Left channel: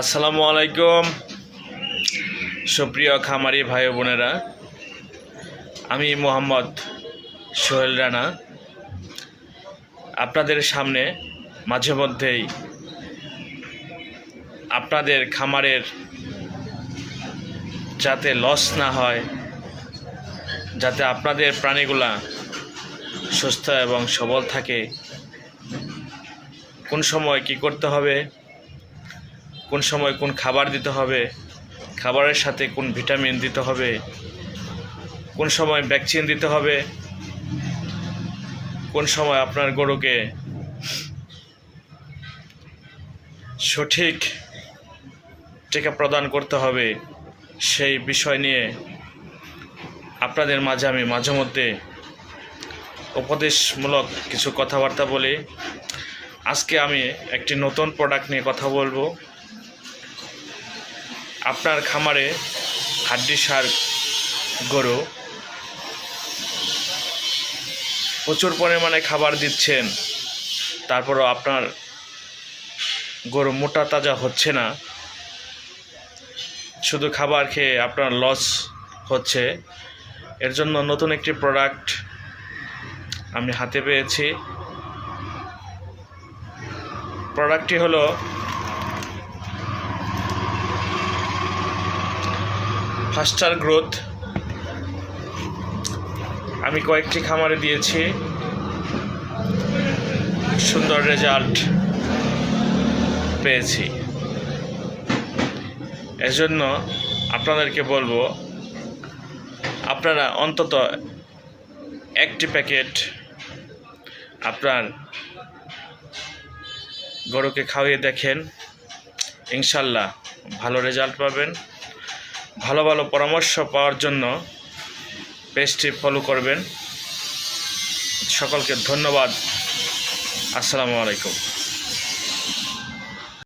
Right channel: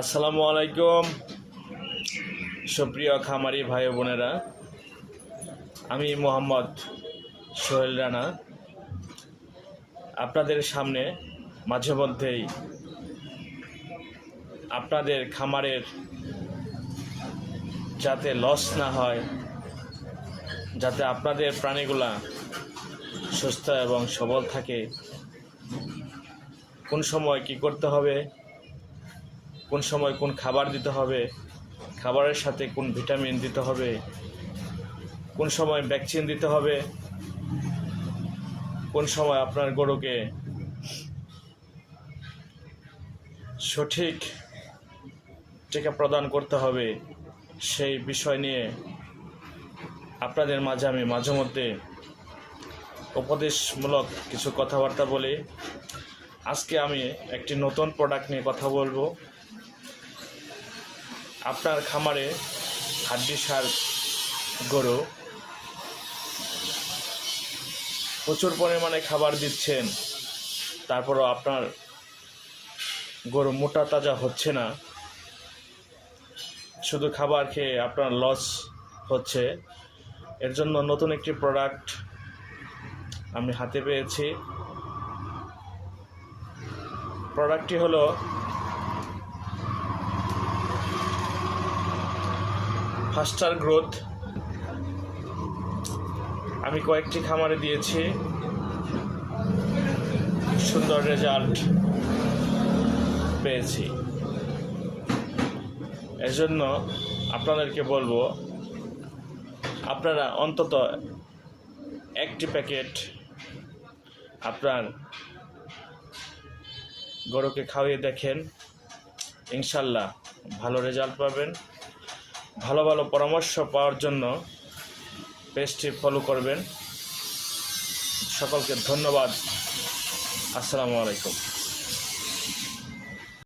আসসালামু আলাইকুম সুপ্রিয় খামারি ভাই বোনেরা, আমি মোহাম্মদ সোহেল রানা আপনাদের সামনে মাঝে মধ্যেই আপনাদের খামারের যাতে লস না হয়, যাতে আপনাদের প্রাণীগুলা সুস্থ এবং সবল থাকে, কোন সময় কি করতে হবে, কোন সময় কোন খাবার দিতে হবে, খাবারের সাথে কোন ভিটামিন দিতে হবে, কোন সময় ভ্যাকসিন দিতে হবে, কোন সময় আপনার গরুকে সঠিক টিকা প্রদান করতে হবে, সেই বিষয় নিয়ে আপনাদের মাঝে আমি মাঝে মধ্যে উপদেশমূলক কিছু কথাবার্তা বলি। আজকে আমি একটি নতুন প্রোডাক্ট নিয়ে কথা বলবো। আপনার খামারে হাড্ডিসার গরু প্রচুর পরিমাণে খাবার দিচ্ছেন, তারপরও আপনার গরু মোটা তাজা হচ্ছে না, শুধু খাবার খেয়ে আপনার লস হচ্ছে। এর জন্য নতুন একটি প্রোডাক্ট আমি হাতে পেয়েছি। প্রোডাক্টটি হলো ফাস্টার গ্রোথ। আমি কয়েকটি খামারে দিয়েছি, সুন্দর রেজাল্ট পেয়েছি। এজন্য আপনাদেরকে বলবো, আপনারা অন্তত একটি প্যাকেট আপনার গরুকে খাওয়িয়ে দেখেন, ইনশাল্লাহ ভালো রেজাল্ট পাবেন। ভালো ভালো পরামর্শ পাওয়ার জন্য পেজটি ফলো করবেন। সকলকে ধন্যবাদ। আসসালামু আলাইকুম।